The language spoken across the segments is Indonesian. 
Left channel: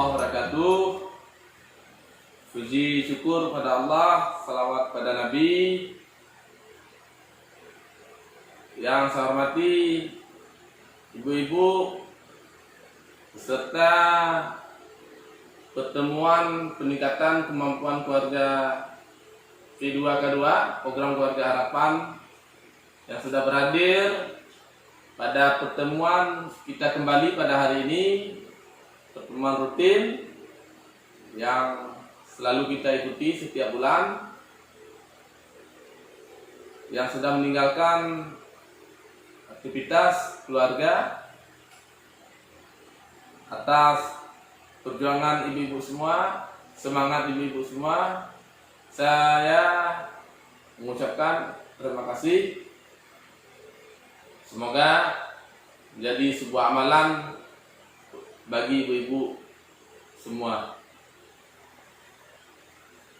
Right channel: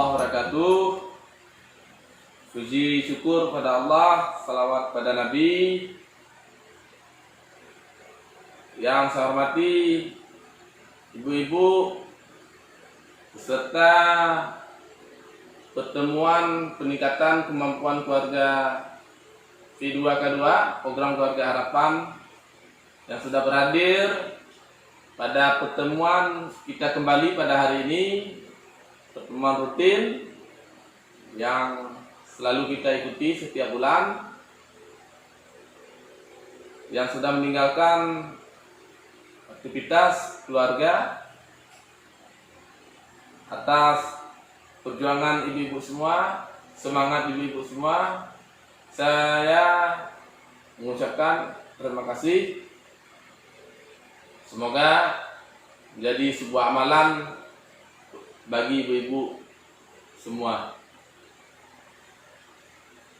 warahmatullahi wabarakatuh. Puji syukur pada Allah, salawat pada Nabi. Yang saya hormati ibu-ibu beserta pertemuan peningkatan kemampuan keluarga P2K2, program keluarga harapan, yang sudah berhadir pada pertemuan kita kembali pada hari ini, pertemuan rutin yang selalu kita ikuti setiap bulan, yang sudah meninggalkan aktivitas keluarga atas perjuangan ibu-ibu semua, semangat ibu-ibu semua. Saya mengucapkan terima kasih. Semoga menjadi sebuah amalan bagi ibu-ibu semua.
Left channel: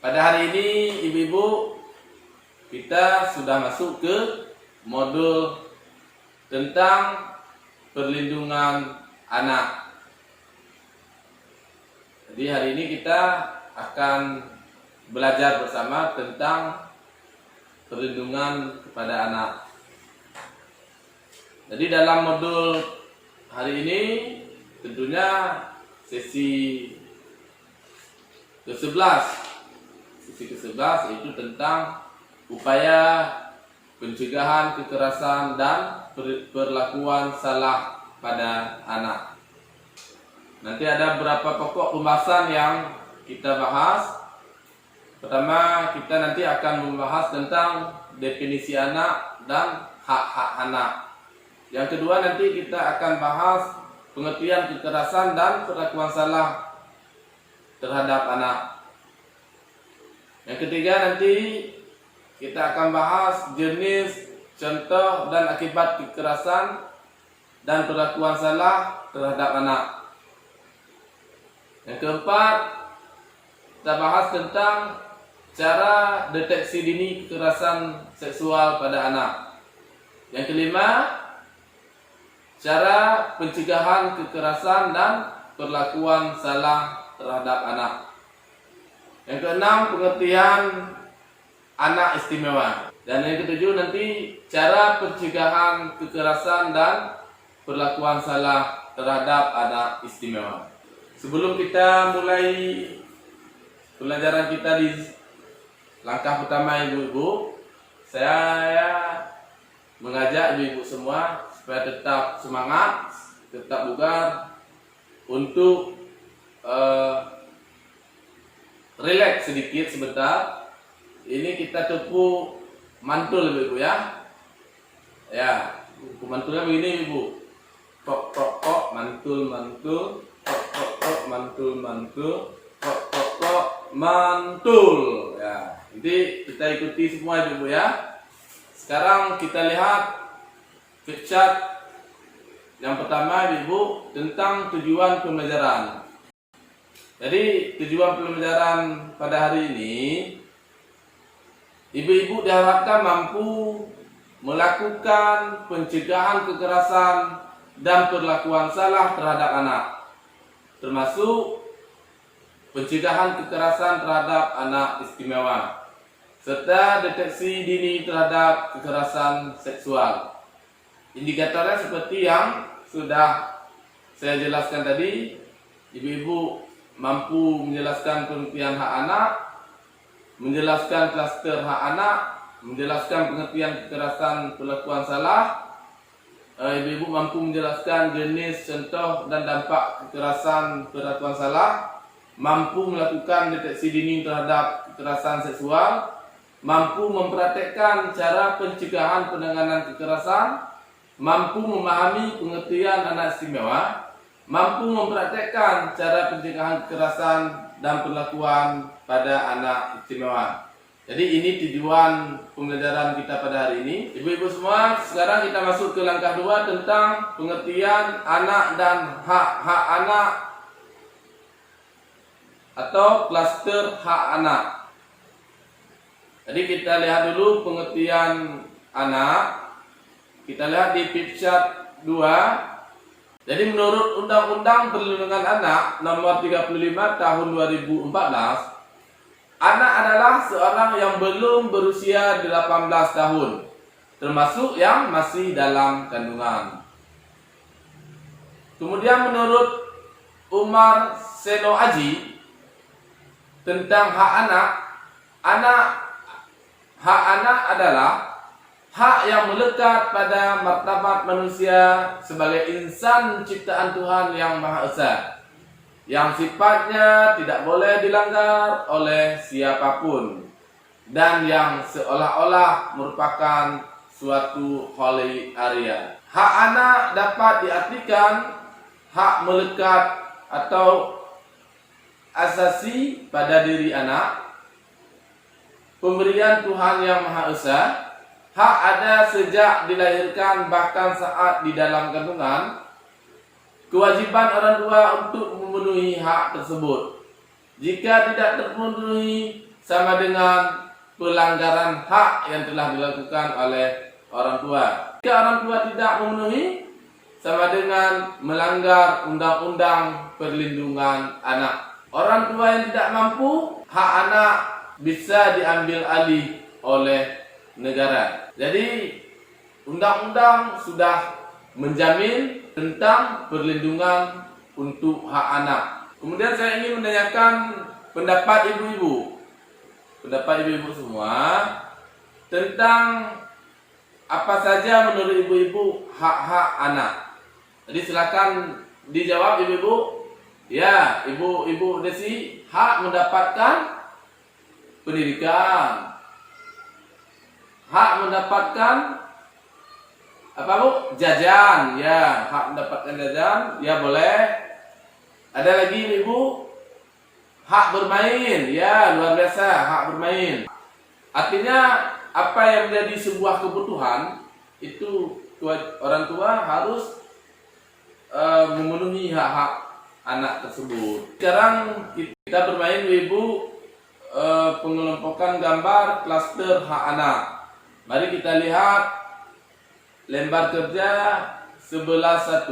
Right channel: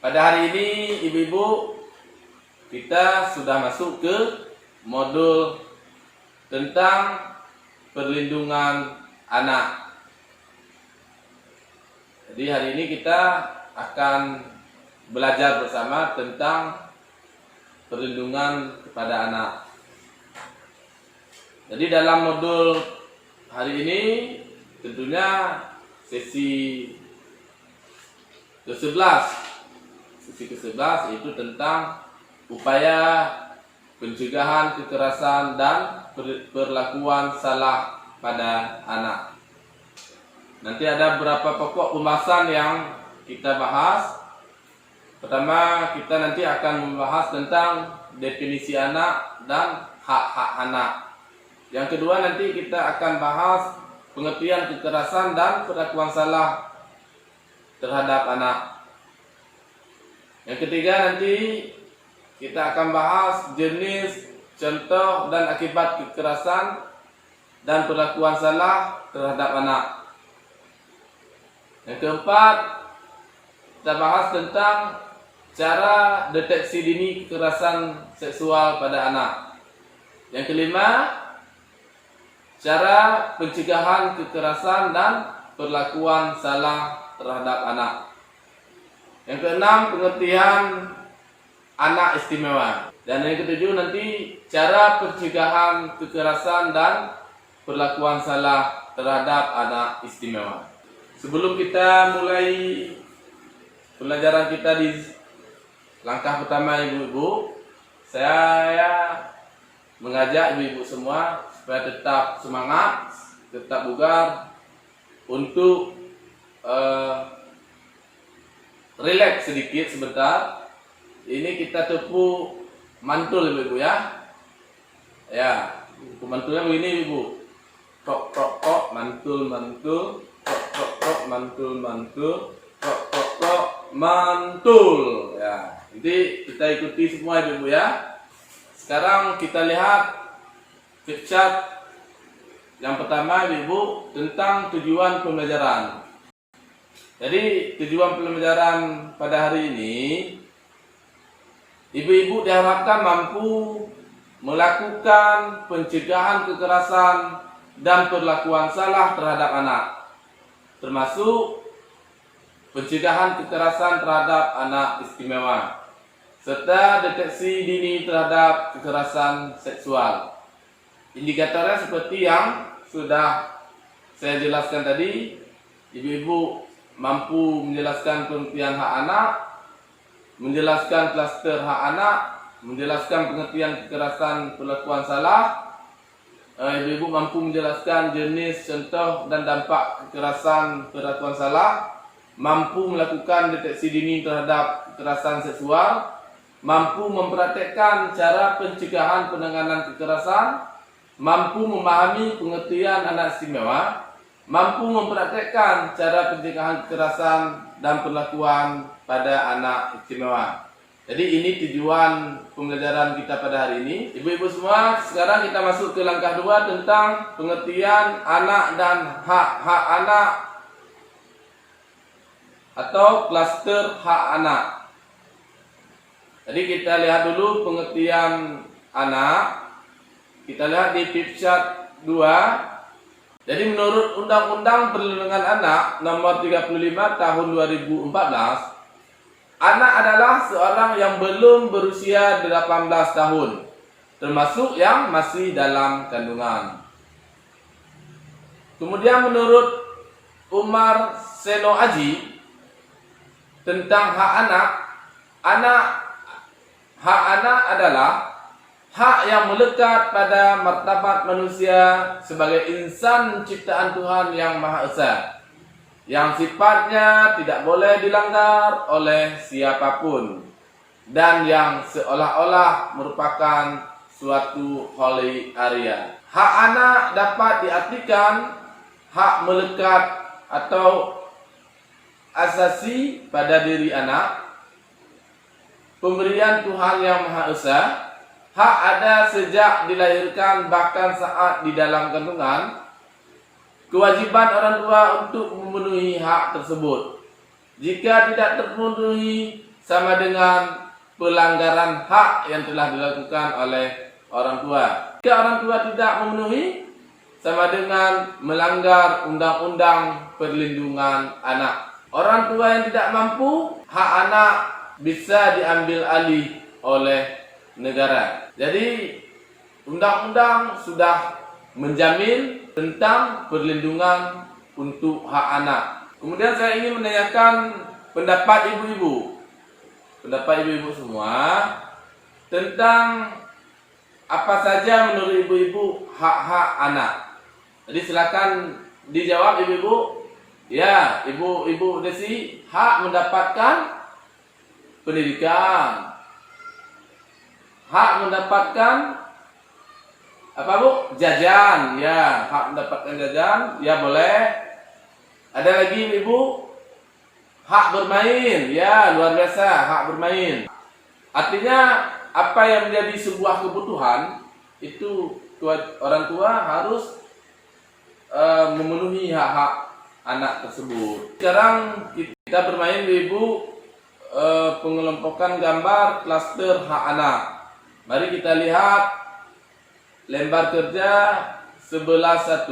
Pada hari ini ibu-ibu, kita sudah masuk ke modul tentang perlindungan anak. Jadi hari ini kita akan belajar bersama tentang perlindungan kepada anak. Jadi dalam modul hari ini tentunya sesi ke-11. Sesi ke-11 yaitu tentang upaya pencegahan kekerasan dan perlakuan salah pada anak. Nanti ada beberapa pokok pembahasan yang kita bahas. Pertama, kita nanti akan membahas tentang definisi anak dan hak-hak anak. Yang kedua, nanti kita akan bahas pengertian kekerasan dan perlakuan salah terhadap anak. Yang ketiga, nanti kita akan bahas jenis, contoh, dan akibat kekerasan dan perlakuan salah terhadap anak. Yang keempat, kita bahas tentang cara deteksi dini kekerasan seksual pada anak. Yang kelima, cara pencegahan kekerasan dan perlakuan salah terhadap anak. Yang keenam, pengertian anak istimewa. Dan yang ketujuh nanti cara pencegahan kekerasan dan perlakuan salah terhadap anak istimewa. Sebelum kita mulai pelajaran kita di langkah pertama ibu-ibu, saya mengajak ibu-ibu semua supaya tetap semangat, tetap bugar untuk relax sedikit sebentar. Ini kita tepuk mantul ibu-ibu ya. Ya, mantulnya begini ibu. Tok tok tok, mantul mantul, tok tok tok, mantul mantul, tok tok tok, mantul. Ya, jadi kita ikuti semua ibu-ibu ya. Sekarang kita lihat flipchart yang pertama ibu tentang tujuan pembelajaran. Jadi tujuan pembelajaran pada hari ini, ibu-ibu diharapkan mampu melakukan pencegahan kekerasan dan perlakuan salah terhadap anak, termasuk pencegahan kekerasan terhadap anak istimewa, serta deteksi dini terhadap kekerasan seksual. Indikatornya seperti yang sudah saya jelaskan tadi. Ibu-ibu mampu menjelaskan pengertian hak anak, menjelaskan klaster hak anak, menjelaskan pengertian kekerasan perlakuan salah. Ibu-ibu mampu menjelaskan jenis, contoh, dan dampak kekerasan perlakuan salah, mampu melakukan deteksi dini terhadap kekerasan seksual, mampu mempraktekkan cara pencegahan penanganan kekerasan, mampu memahami pengertian anak istimewa, mampu mempraktekkan cara pencegahan kekerasan dan perlakuan pada anak istimewa. Jadi ini tujuan pembelajaran kita pada hari ini. Ibu-ibu semua, sekarang kita masuk ke langkah 2 tentang pengertian anak dan hak-hak anak atau klaster hak anak. Jadi kita lihat dulu pengertian anak. Kita lihat di flipchart 2. Jadi menurut Undang-Undang Perlindungan Anak Nomor 35 Tahun 2014, anak adalah seorang yang belum berusia 18 tahun, termasuk yang masih dalam kandungan. Kemudian menurut Umar Seno Aji tentang hak anak adalah hak yang melekat pada martabat manusia sebagai insan ciptaan Tuhan yang Maha Esa, yang sifatnya tidak boleh dilanggar oleh siapapun dan yang seolah-olah merupakan suatu holy area. Hak anak dapat diartikan hak melekat atau asasi pada diri anak, pemberian Tuhan yang Maha Esa, hak ada sejak dilahirkan bahkan saat di dalam kandungan, kewajiban orang tua untuk memenuhi hak tersebut. Jika tidak terpenuhi, sama dengan pelanggaran hak yang telah dilakukan oleh orang tua. Jika orang tua tidak memenuhi, sama dengan melanggar Undang-Undang Perlindungan Anak. Orang tua yang tidak mampu, hak anak bisa diambil alih oleh negara. Jadi undang-undang sudah menjamin tentang perlindungan untuk hak anak. Kemudian saya ingin menanyakan pendapat ibu-ibu semua tentang apa saja menurut ibu-ibu hak-hak anak. Jadi silakan dijawab ibu-ibu. Ya, ibu Desi, hak mendapatkan pendidikan, hak mendapatkan apa Bu? Jajan. Ya, hak mendapatkan jajan. Ya, boleh. Ada lagi ibu, hak bermain. Ya, luar biasa, hak bermain. Artinya apa yang menjadi sebuah kebutuhan itu orang tua harus memenuhi hak-hak anak tersebut. Sekarang kita bermain ibu pengelompokan gambar klaster hak anak. Mari kita lihat lembar kerja 11.1.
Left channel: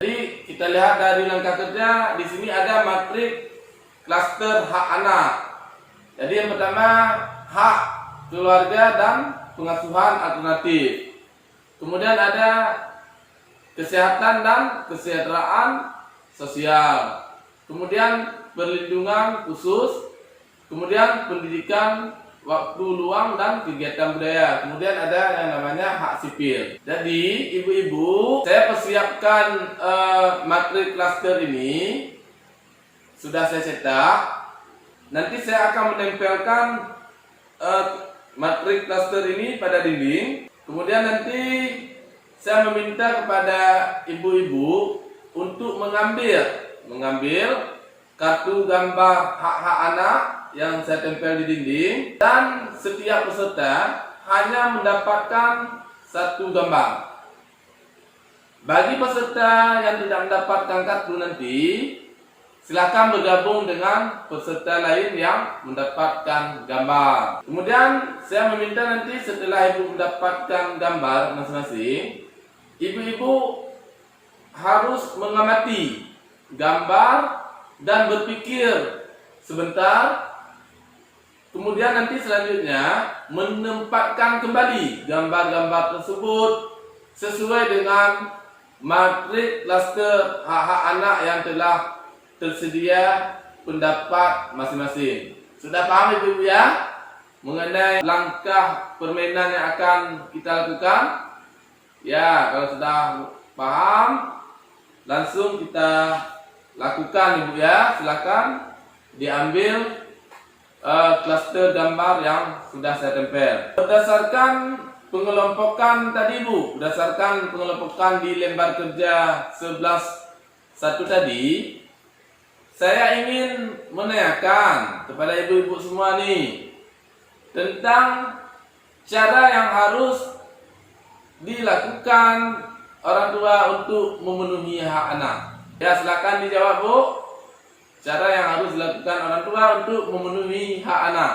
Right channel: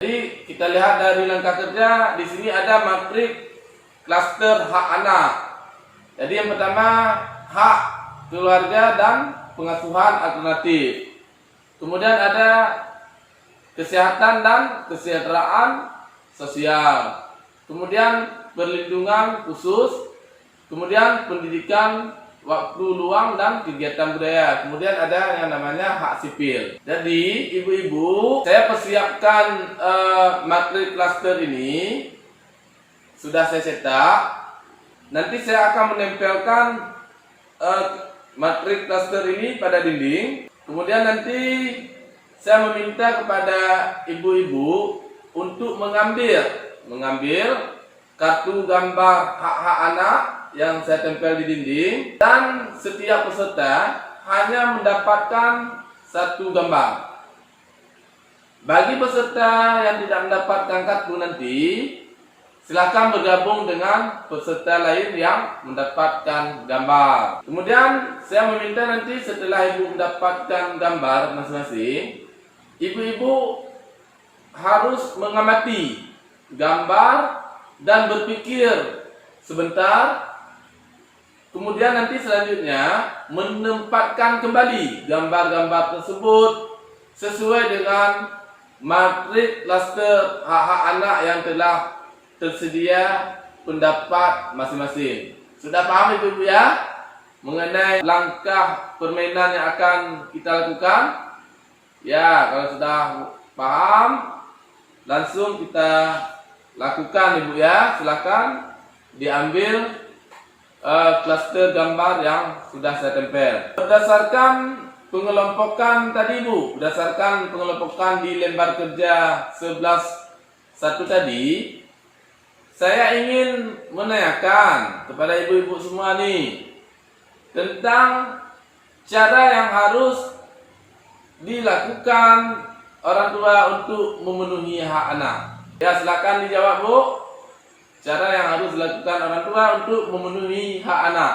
Jadi kita lihat dari langkah kerja, di sini ada matrik klaster hak anak. Jadi yang pertama, hak keluarga dan pengasuhan alternatif. Kemudian ada kesehatan dan kesejahteraan sosial. Kemudian perlindungan khusus. Kemudian pendidikan, waktu luang dan kegiatan budaya. Kemudian ada yang namanya hak sipil. Jadi ibu-ibu, saya persiapkan materi klaster ini. Sudah saya cetak. Nanti saya akan menempelkan materi klaster ini pada dinding. Kemudian nanti saya meminta kepada ibu-ibu untuk mengambil kartu gambar hak-hak anak yang saya tempel di dinding, dan setiap peserta hanya mendapatkan satu gambar. Bagi peserta yang tidak mendapatkan kartu nanti, silakan bergabung dengan peserta lain yang mendapatkan gambar. Kemudian saya meminta nanti setelah ibu mendapatkan gambar masing-masing, ibu-ibu harus mengamati gambar dan berpikir sebentar. Kemudian nanti selanjutnya menempatkan kembali gambar-gambar tersebut sesuai dengan matrik klaster hak-hak anak yang telah tersedia pendapat masing-masing. Sudah paham ibu-ibu ya mengenai langkah permainan yang akan kita lakukan? Ya, kalau sudah paham, langsung kita lakukan ibu ya. Silakan diambil klaster gambar yang sudah saya tempel. Berdasarkan pengelompokan tadi Bu, berdasarkan pengelompokan di lembar kerja 11.1 tadi, saya ingin menanyakan kepada ibu-ibu semua nih tentang cara yang harus dilakukan orang tua untuk memenuhi hak anak. Ya, silakan dijawab Bu. Cara yang harus dilakukan orang tua untuk memenuhi hak anak.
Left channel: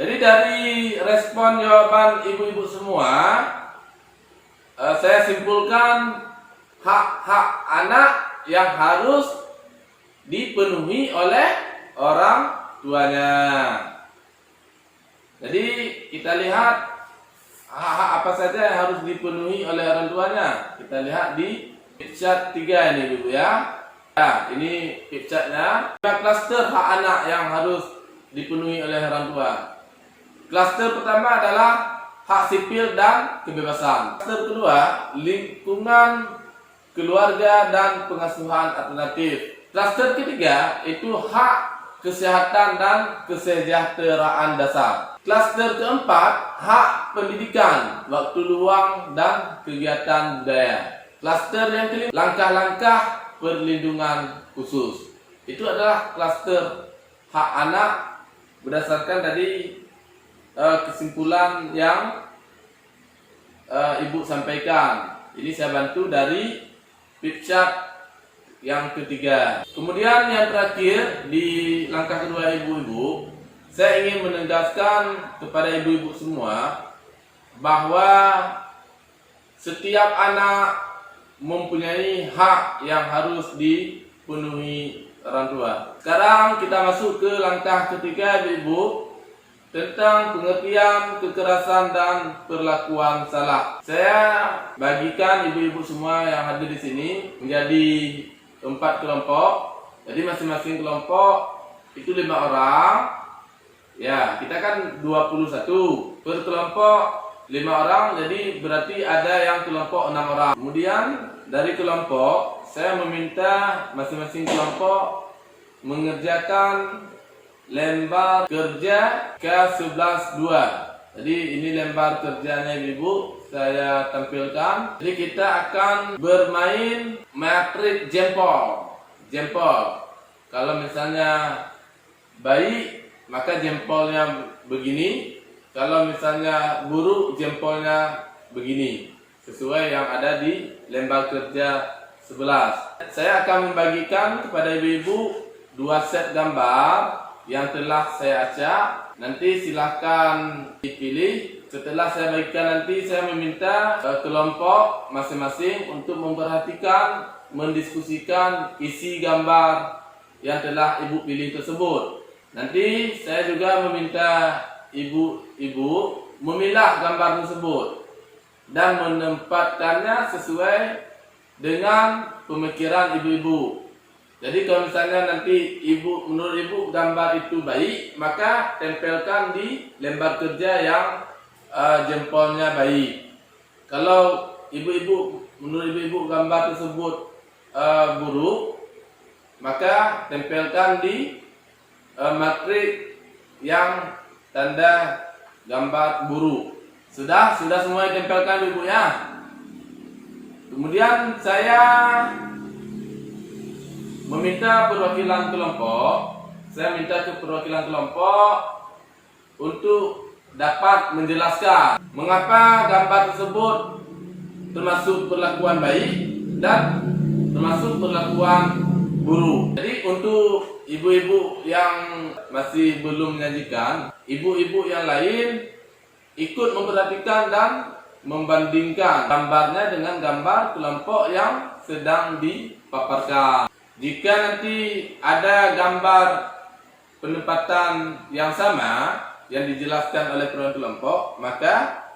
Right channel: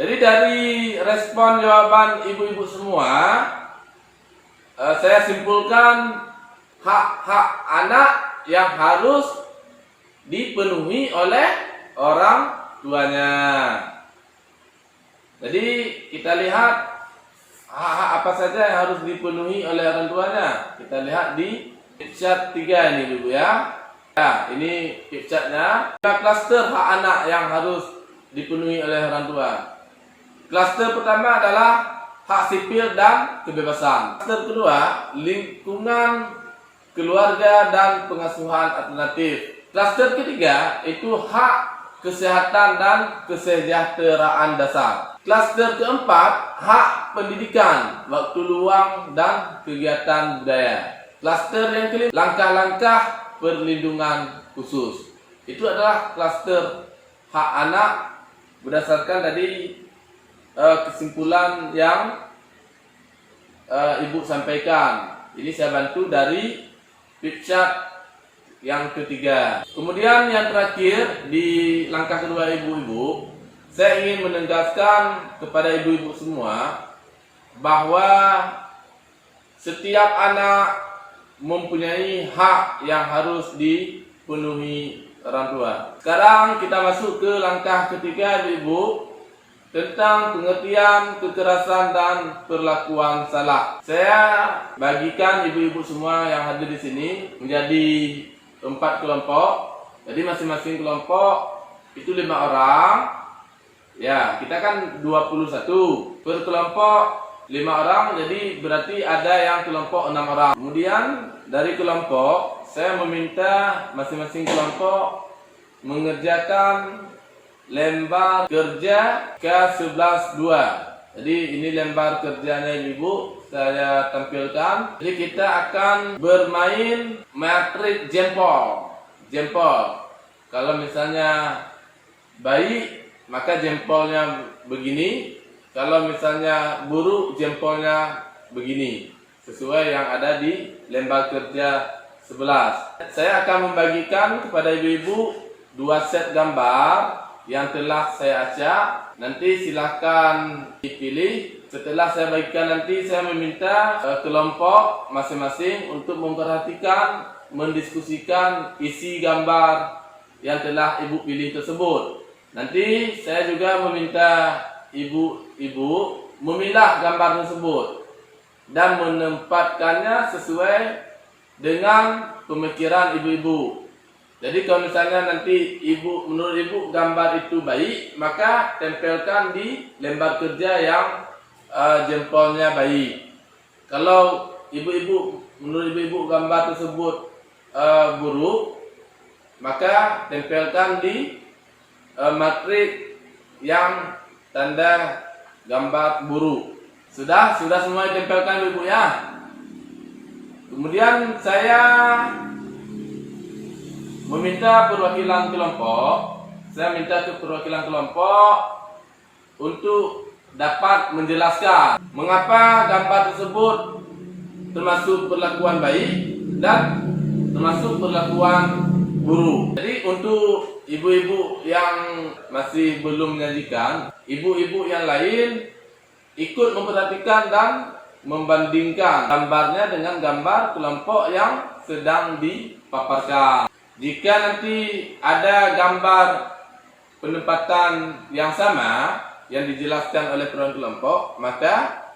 Jadi dari respon jawaban ibu-ibu semua, saya simpulkan hak-hak anak yang harus dipenuhi oleh orang tuanya. Jadi kita lihat hak-hak apa saja yang harus dipenuhi oleh orang tuanya. Kita lihat di picture 3 ini Ibu ya. Ya, ini picture-nya. Klaster hak anak yang harus dipenuhi oleh orang tua. Klaster pertama adalah hak sipil dan kebebasan. Klaster kedua, lingkungan keluarga dan pengasuhan alternatif. Klaster ketiga itu hak kesehatan dan kesejahteraan dasar. Klaster keempat, hak pendidikan, waktu luang dan kegiatan budaya. Klaster yang kelima, langkah-langkah perlindungan khusus. Itu adalah klaster hak anak berdasarkan tadi kesimpulan yang Ibu sampaikan. Ini saya bantu dari picture yang ketiga. Kemudian yang terakhir di langkah kedua ibu-ibu, saya ingin menegaskan kepada ibu-ibu semua bahwa setiap anak mempunyai hak yang harus dipenuhi orang tua. Sekarang kita masuk ke langkah ketiga ibu-ibu tentang pengertian kekerasan dan perlakuan salah. Saya bagikan ibu-ibu semua yang hadir di sini menjadi 4 kelompok. Jadi masing-masing kelompok itu 5 orang. Ya, kita kan 21 per kelompok 5 orang, jadi berarti ada yang kelompok 6 orang. Kemudian dari kelompok saya meminta masing-masing kelompok mengerjakan lembar kerja ke-11-2. Jadi ini lembar kerjanya ibu saya tampilkan. Jadi kita akan bermain matrik jempol. Jempol. Kalau misalnya baik, maka jempolnya begini. Kalau misalnya buruk, jempolnya begini. Sesuai yang ada di lembar kerja 11. Saya akan membagikan kepada ibu-ibu 2 set gambar yang telah saya acak. Nanti silahkan dipilih. Setelah saya bagikan nanti saya meminta kelompok masing-masing untuk memperhatikan, mendiskusikan isi gambar yang telah ibu pilih tersebut. Nanti saya juga meminta ibu-ibu memilah gambar tersebut dan menempatkannya sesuai dengan pemikiran ibu-ibu. Jadi kalau misalnya nanti menurut ibu gambar itu baik, maka tempelkan di lembar kerja yang jempolnya baik. Kalau menurut ibu gambar tersebut buruk, maka tempelkan di matrik yang tanda gambar buruk. Sudah semua ditempelkan ibu ya. Kemudian saya meminta perwakilan kelompok. Saya minta ke perwakilan kelompok untuk dapat menjelaskan mengapa gambar tersebut termasuk perlakuan baik dan termasuk perlakuan buruk. Jadi untuk ibu-ibu yang masih belum menyajikan, ibu-ibu yang lain ikut memperhatikan dan membandingkan gambarnya dengan gambar kelompok yang sedang dipaparkan. Jika nanti ada gambar penempatan yang sama yang dijelaskan oleh perwakilan kelompok, maka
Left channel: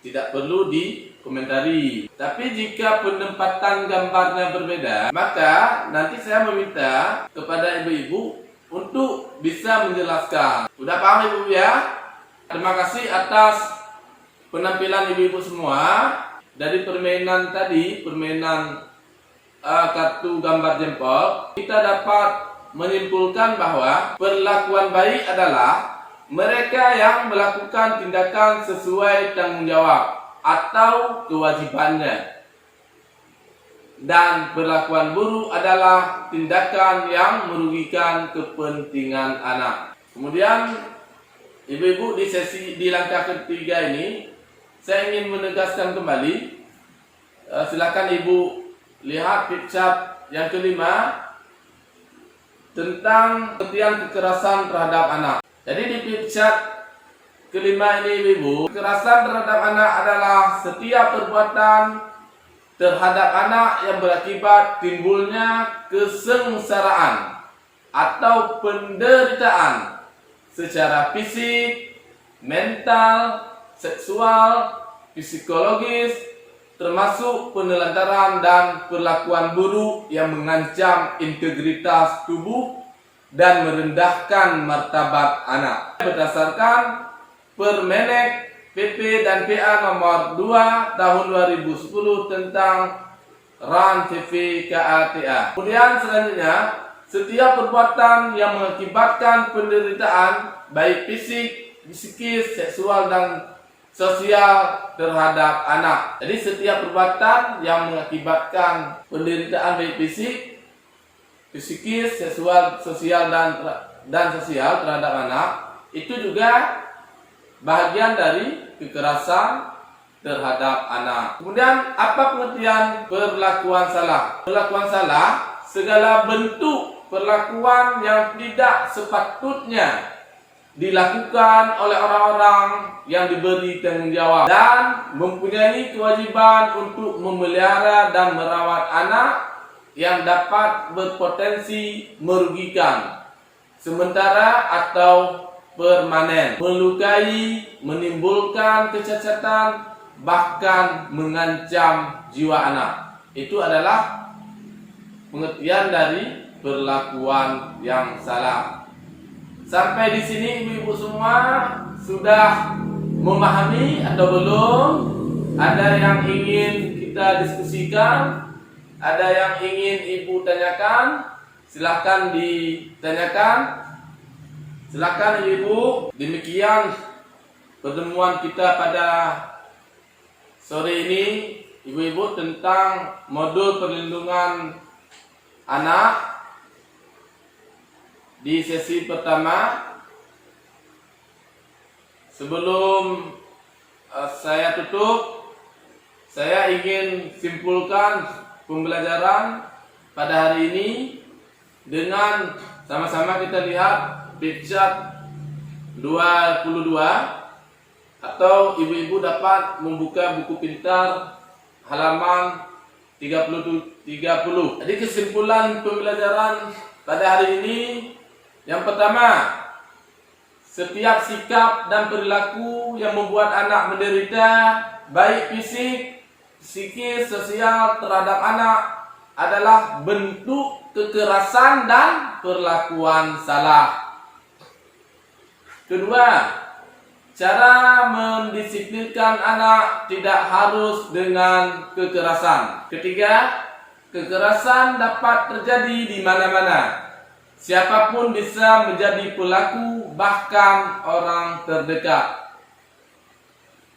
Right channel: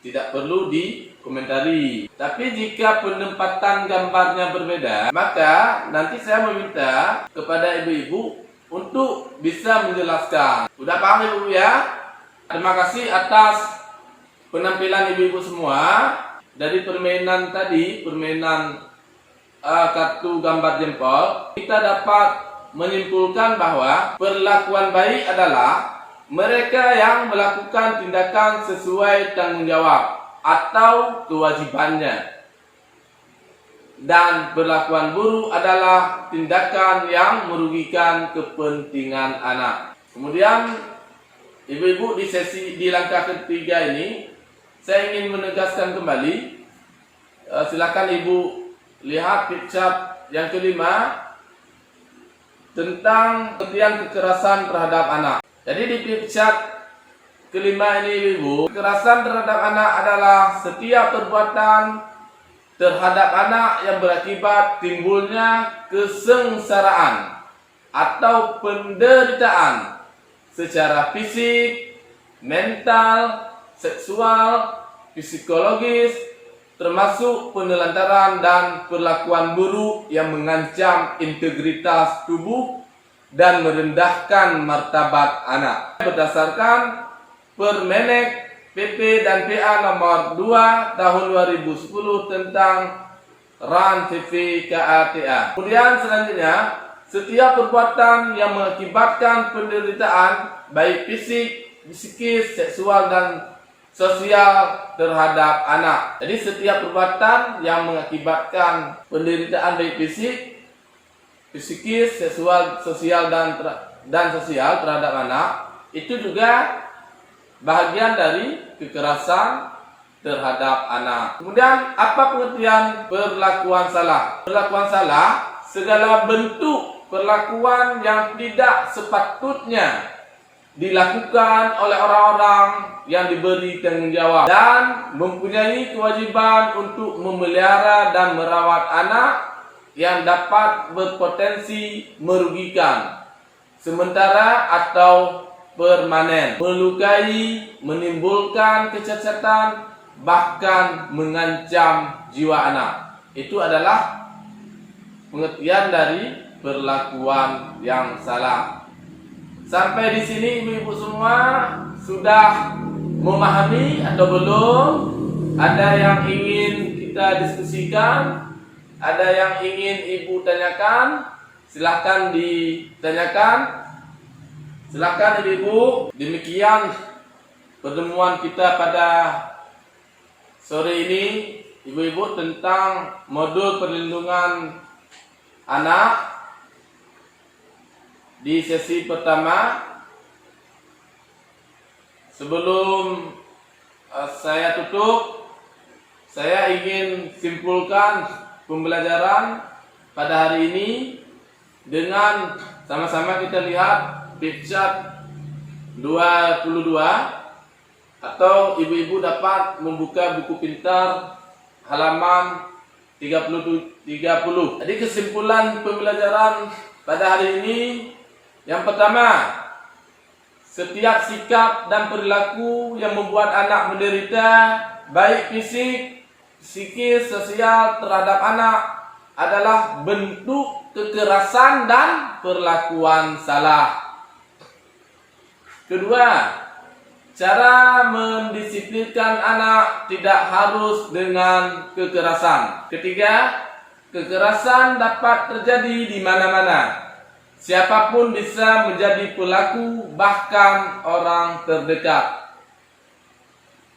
tidak perlu dikomentari. Tapi jika penempatan gambarnya berbeda, maka nanti saya meminta kepada ibu-ibu untuk bisa menjelaskan. Udah paham ibu ya? Terima kasih atas penampilan ibu-ibu semua. Dari permainan tadi, permainan kartu gambar jempol, kita dapat menyimpulkan bahwa perlakuan baik adalah mereka yang melakukan tindakan sesuai tanggung jawab atau kewajibannya. Dan perlakuan buruk adalah tindakan yang merugikan kepentingan anak. Kemudian ibu-ibu di langkah ketiga ini saya ingin menegaskan kembali. Silakan ibu lihat picture yang kelima tentang pengertian kekerasan terhadap anak. Jadi di picture kelima ini ibu, kekerasan terhadap anak adalah setiap perbuatan terhadap anak yang berakibat timbulnya kesengsaraan atau penderitaan secara fisik, mental, seksual, psikologis, termasuk penelantaran dan perlakuan buruk yang mengancam integritas tubuh dan merendahkan martabat anak. Berdasarkan Permenek PP dan PA nomor 2 tahun 2010 tentang RAN TV KATA. Kemudian selanjutnya, setiap perbuatan yang mengakibatkan penderitaan baik fisik, psikis, seksual dan sosial terhadap anak. Jadi setiap perbuatan yang mengakibatkan penderitaan baik fisik, psikis, seksual, sosial dan sosial terhadap anak itu juga bahagian dari kekerasan terhadap anak. Kemudian apa pengertian perlakuan salah? Perlakuan salah segala bentuk perlakuan yang tidak sepatutnya dilakukan oleh orang-orang yang diberi tanggung jawab dan mempunyai kewajiban untuk memelihara dan merawat anak yang dapat berpotensi merugikan sementara atau permanen, melukai, menimbulkan kecacatan, bahkan mengancam jiwa anak. Itu adalah pengertian dari perlakuan yang salah. Sampai di sini ibu-ibu semua sudah memahami atau belum? Ada yang ingin kita diskusikan? Ada yang ingin ibu tanyakan? Silahkan ditanyakan. Silakan ibu. Demikian pertemuan kita pada sore ini ibu-ibu tentang modul perlindungan anak di sesi pertama. Sebelum saya tutup, saya ingin simpulkan pembelajaran pada hari ini dengan sama-sama kita lihat picture 22 atau ibu-ibu dapat membuka buku pintar halaman 30. Jadi kesimpulan pembelajaran pada hari ini yang pertama, setiap sikap dan perilaku yang membuat anak menderita baik fisik, psikis, sosial terhadap anak adalah bentuk kekerasan dan perlakuan salah. Kedua, cara mendisiplinkan anak tidak harus dengan kekerasan. Ketiga, kekerasan dapat terjadi di mana-mana. Siapapun bisa menjadi pelaku, bahkan orang terdekat.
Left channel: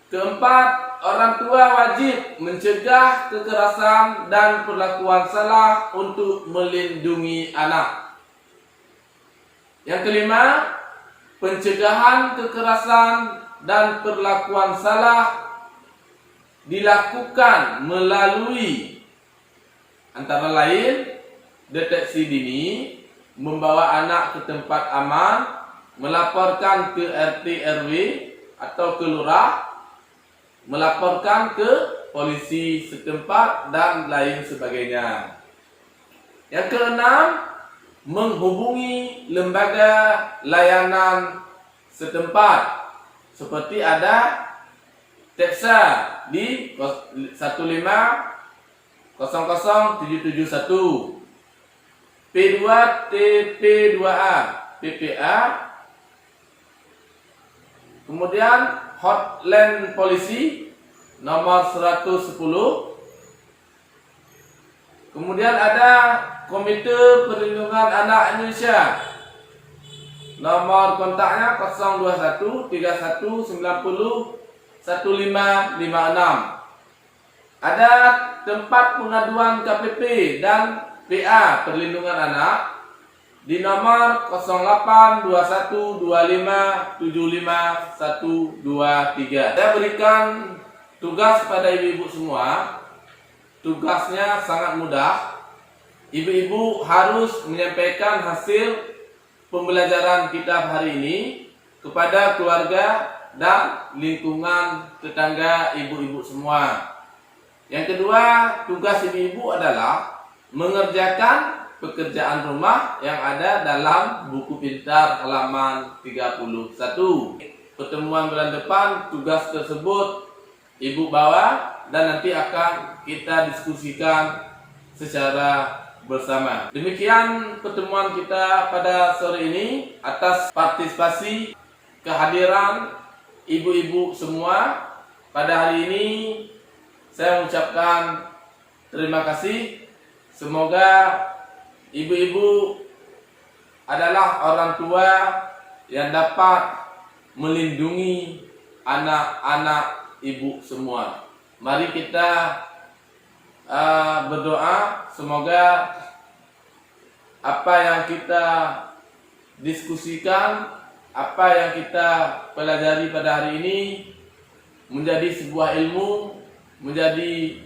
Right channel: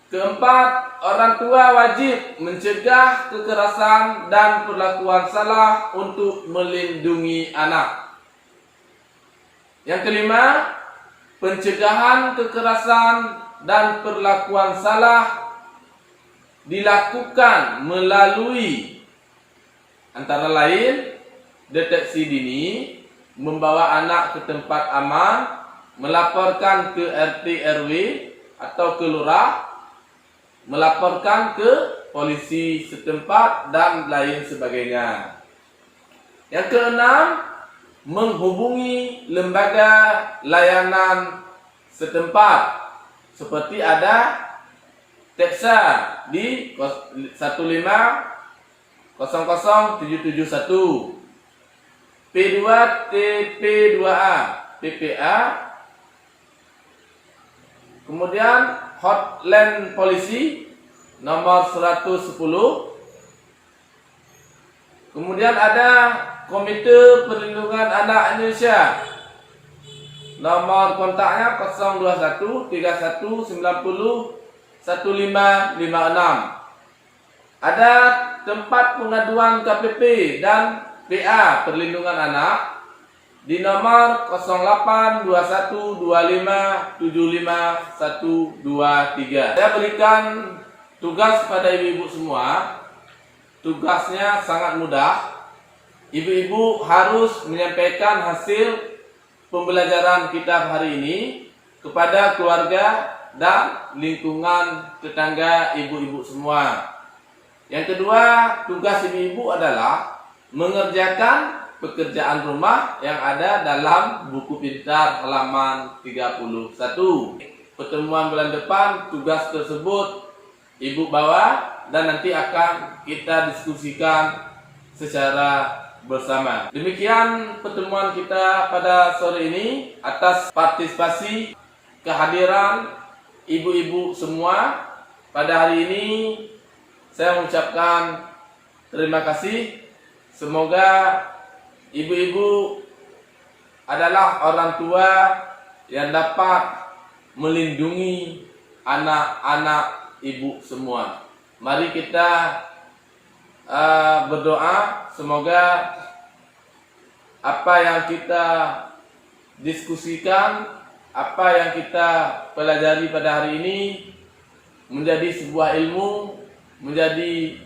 Keempat, orang tua wajib mencegah kekerasan dan perlakuan salah untuk melindungi anak. Yang kelima, pencegahan kekerasan dan perlakuan salah dilakukan melalui antara lain deteksi dini, membawa anak ke tempat aman, melaporkan ke RT RW atau ke lurah, melaporkan ke polisi setempat dan lain sebagainya. Yang keenam, menghubungi lembaga layanan setempat seperti ada TEPSA di 1500771, P2TP2A, PPA, kemudian hotline polisi nomor 110, kemudian ada Komite Perlindungan Anak Indonesia, nomor kontaknya 021 31 90 1556. Ada tempat pengaduan KPP dan PA Perlindungan Anak di nomor 082125751123. Saya berikan tugas pada ibu-ibu semua. Tugasnya sangat mudah. Ibu-ibu harus menyampaikan hasil pembelajaran kitab hari ini kepada keluarga dan lingkungan tetangga ibu-ibu semua. Yang kedua, tugas ibu-ibu adalah mengerjakan pekerjaan rumah yang ada dalam buku pintar halaman 31. Pertemuan bulan depan tugas tersebut ibu bawa dan nanti akan kita diskusikan secara bersama. Demikian pertemuan kita pada sore ini. Atas partisipasi kehadiran ibu-ibu semua pada hari ini, saya mengucapkan terima kasih. Semoga ibu-ibu adalah orang tua yang dapat melindungi anak-anak ibu semua. Mari kita berdoa semoga apa yang kita diskusikan, apa yang kita pelajari pada hari ini menjadi sebuah ilmu, menjadi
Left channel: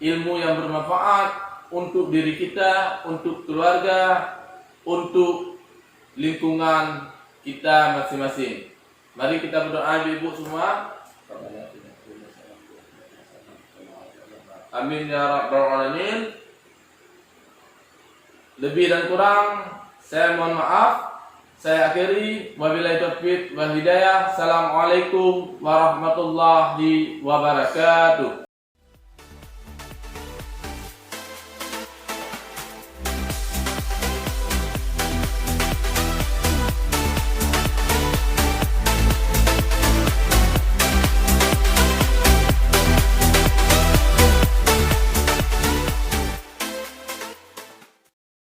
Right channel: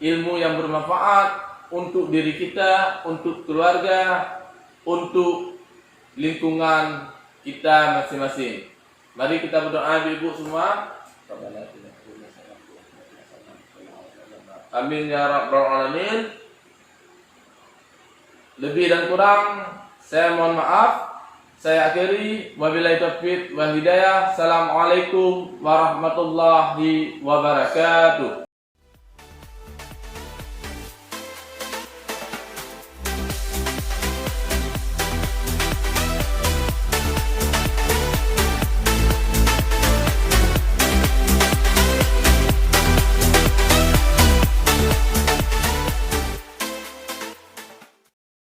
ilmu yang bermanfaat untuk diri kita, untuk keluarga, untuk lingkungan kita masing-masing. Mari kita berdoa ibu-ibu semua. Amin ya rabbal alamin. Lebih dan kurang saya mohon maaf. Saya akhiri, wabillahi taufiq wal hidayah. Assalamualaikum warahmatullahi wabarakatuh.